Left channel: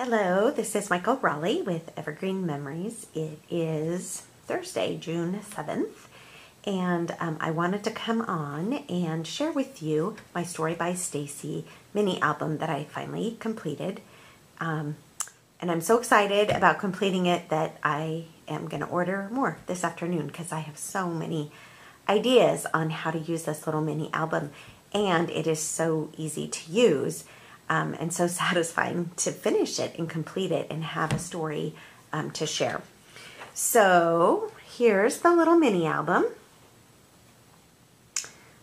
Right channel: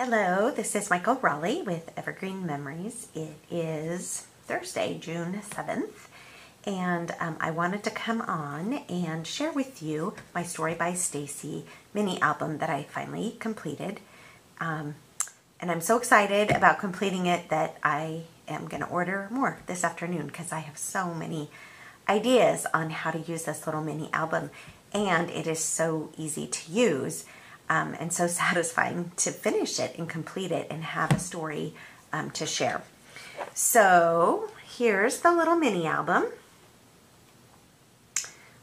Hello, this is Michael Raleigh with Evergreen Memories. It is Thursday, June 7th, and I wanted to come on and share with you my Story by Stacy mini album that I finally completed. And I'm so excited about completing it that I am going to order more this afternoon because I have so many ideas on how to use this little mini album, and it is so easy to use. And so satisfying to finish it and complete it and have a story to share. So here's the little mini album.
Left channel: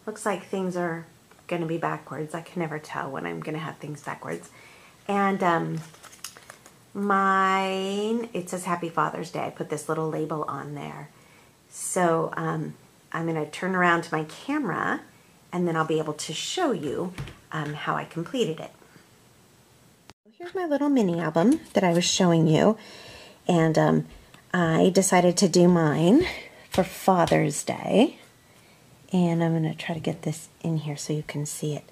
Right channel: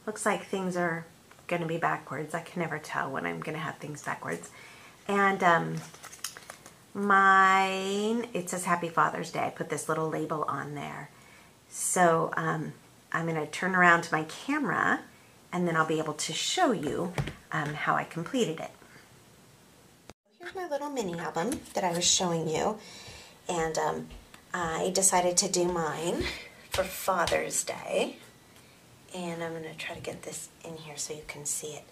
Looks like things are going to be backwards. I can never tell when I'm going to have things backwards. And it says Happy Father's Day. I put this little label on there. So I'm going to turn around to my camera and then I'll be able to show you how I completed it. Here's my little mini album that I was showing you, and I decided to do mine for Father's Day, and I'm going to try to get this in here so you can see it.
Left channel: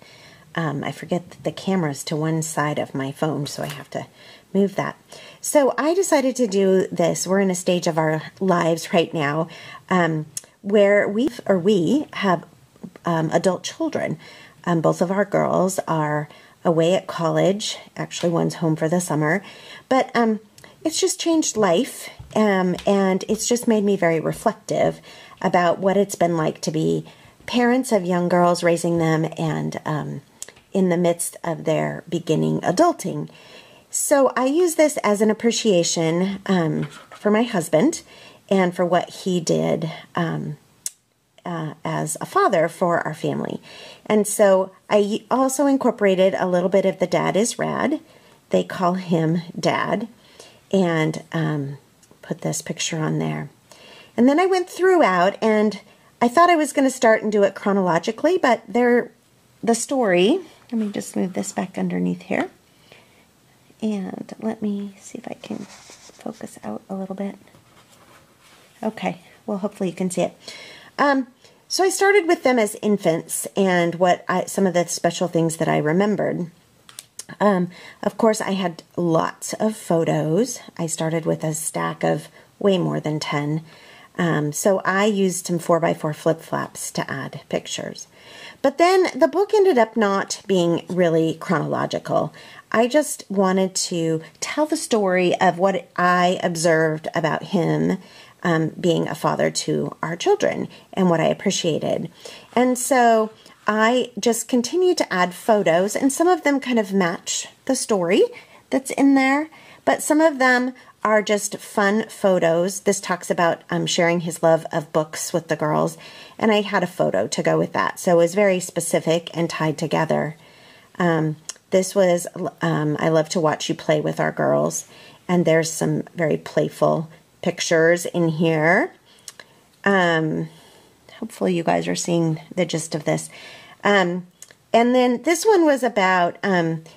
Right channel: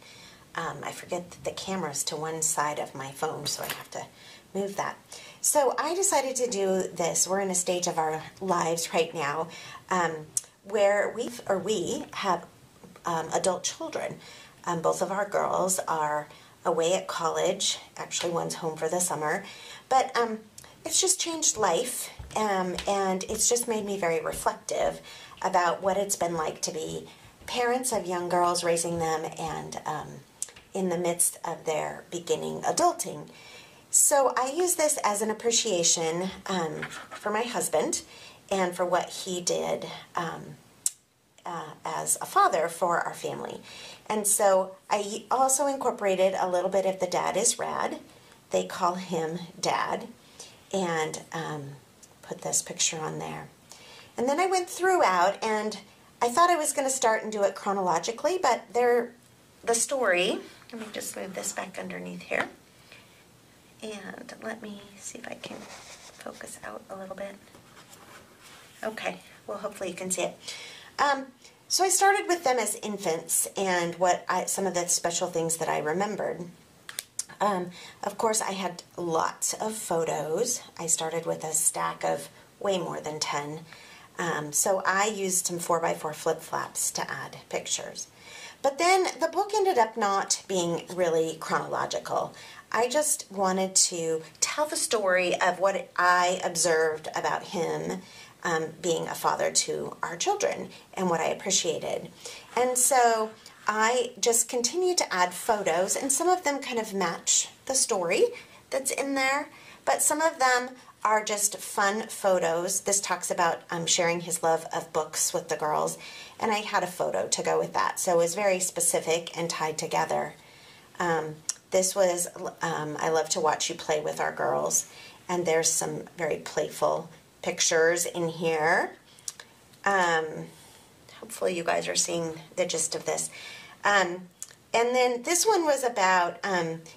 I forget that the camera's to one side of my phone, so I have to move that. So I decided to do this. We're in a stage of our lives right now where we have adult children. Both of our girls are away at college. Actually, one's home for the summer. But it's just changed life, and it's just made me very reflective about what it's been like to be parents of young girls, raising them, and in the midst of their beginning adulting. So I use this as an appreciation for my husband and for what he did as a father for our family. And so I also incorporated a little bit of the Dad is Rad. They call him Dad. And put this picture on there. And then I went throughout, and I thought I was going to start and do it chronologically, but the story, let me just move this back underneath here. And let me see if I can focus out a little bit. Okay, well, hopefully you can see it. So I started with them as infants and some of the special things that I remembered. Of course, I had lots of photos. I started with a stack of way more than 10. So I used some 4x4 flip-flaps to add pictures. But then the book ended up not being really chronological. I just wanted to tell the story of what I observed about him being a father to our children and what I appreciated. And so I just continued to add photos, and some of them kind of match the story that's in there, but some of them are just fun photos. This talks about sharing his love of books with the girls, and I had a photo to go with that. So it was very specific and tied together. This was, I love to watch you play with our girls, and there's some very playful pictures in here. Hopefully you guys are seeing the gist of this. And then this one was about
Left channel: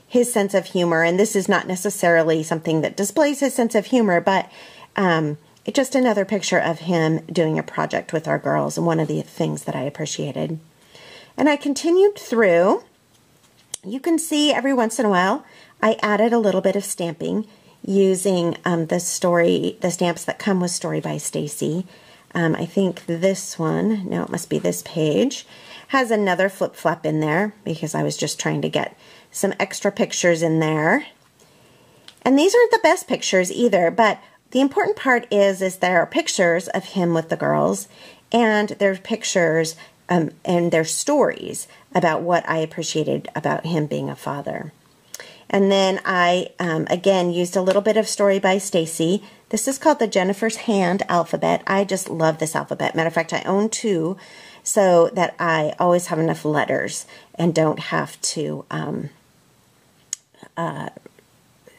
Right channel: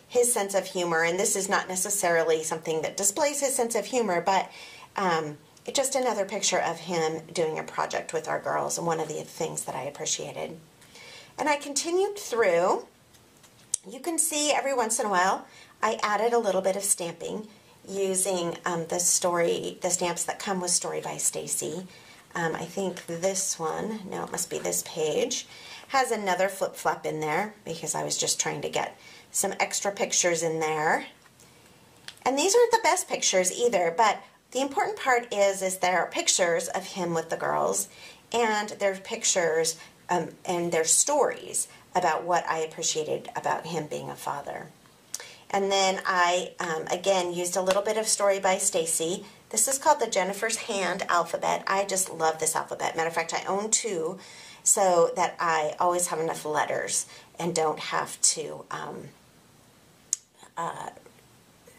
his sense of humor, and this is not necessarily something that displays his sense of humor, but it's just another picture of him doing a project with our girls, and one of the things that I appreciated. And I continued through. You can see every once in a while I added a little bit of stamping using the stamps that come with Story by Stacy. I think this one, no, it must be this page, has another flip-flap in there because I was just trying to get some extra pictures in there. And these aren't the best pictures either, but the important part is there are pictures of him with the girls, and there's pictures and there's stories about what I appreciated about him being a father. And then I, again, used a little bit of Story by Stacy. This is called the Jennifer's Hand alphabet. I just love this alphabet. Matter of fact, I own two so that I always have enough letters and don't have to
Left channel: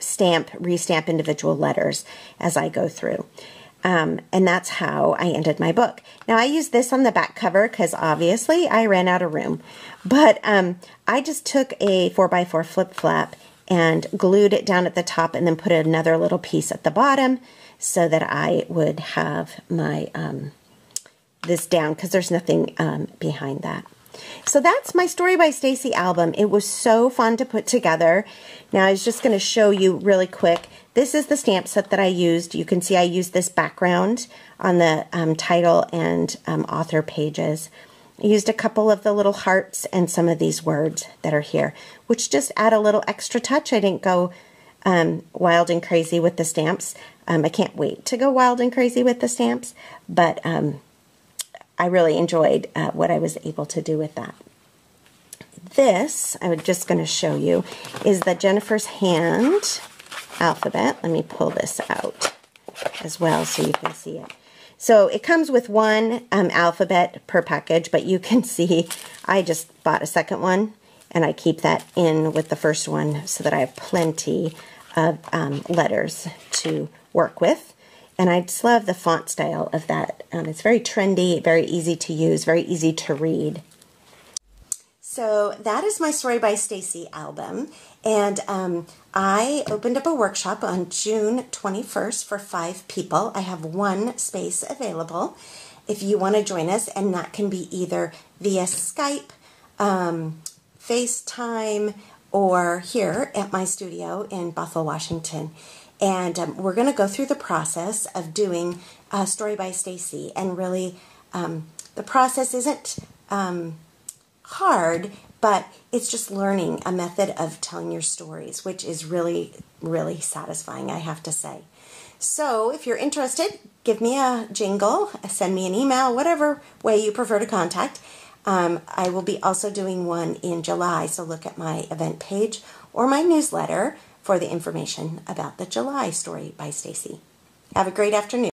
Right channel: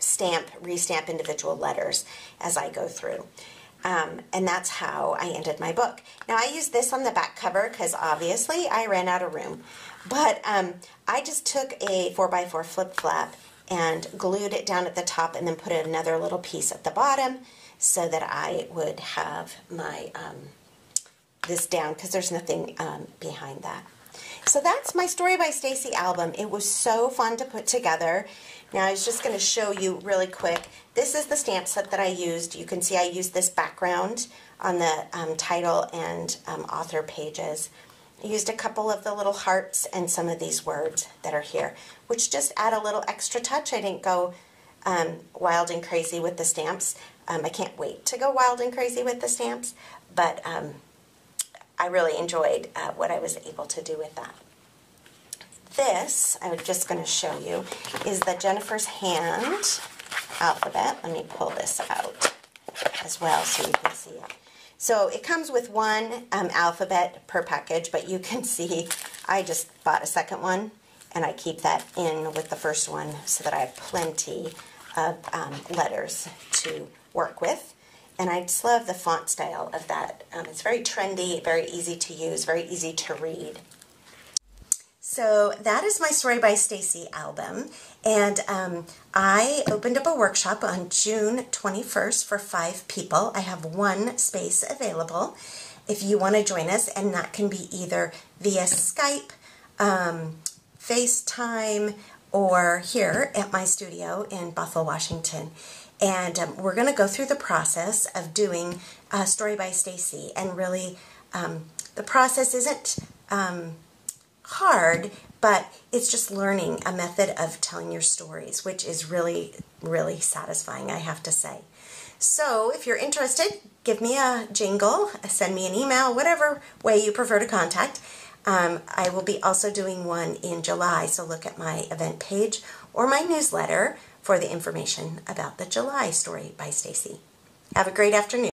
restamp individual letters as I go through. And that's how I ended my book. Now, I used this on the back cover because obviously I ran out of room. But I just took a 4x4 flip-flap and glued it down at the top and then put another little piece at the bottom so that I would have my this down because there's nothing behind that. So that's my Story by Stacy album. It was so fun to put together. Now I was just going to show you really quick. This is the stamp set that I used. You can see I used this background on the title and author pages. I used a couple of the little hearts and some of these words that are here, which just add a little extra touch. I didn't go wild and crazy with the stamps. I can't wait to go wild and crazy with the stamps, but I really enjoyed what I was able to do with that. This, I'm just going to show you, is the Jennifer's Hand alphabet. Let me pull this out as well so you can see it. So it comes with one alphabet per package, but you can see I just bought a second one, and I keep that in with the first one so that I have plenty of letters to work with. And I just love the font style of that. It's very trendy, very easy to use, very easy to read. So that is my Story by Stacy album. And I opened up a workshop on June 21st for 5 people. I have 1 space available if you want to join us. And that can be either via Skype, FaceTime, or here at my studio in Buffalo, Washington. And we're going to go through the process of doing Story by Stacy. And really, the process isn't hard, but it's just learning a method of telling your stories, which is really, really satisfying, I have to say. So if you're interested, give me a jingle, send me an email, whatever way you prefer to contact. I will be also doing one in July, so look at my event page or my newsletter for the information about the July Story by Stacy. Have a great afternoon.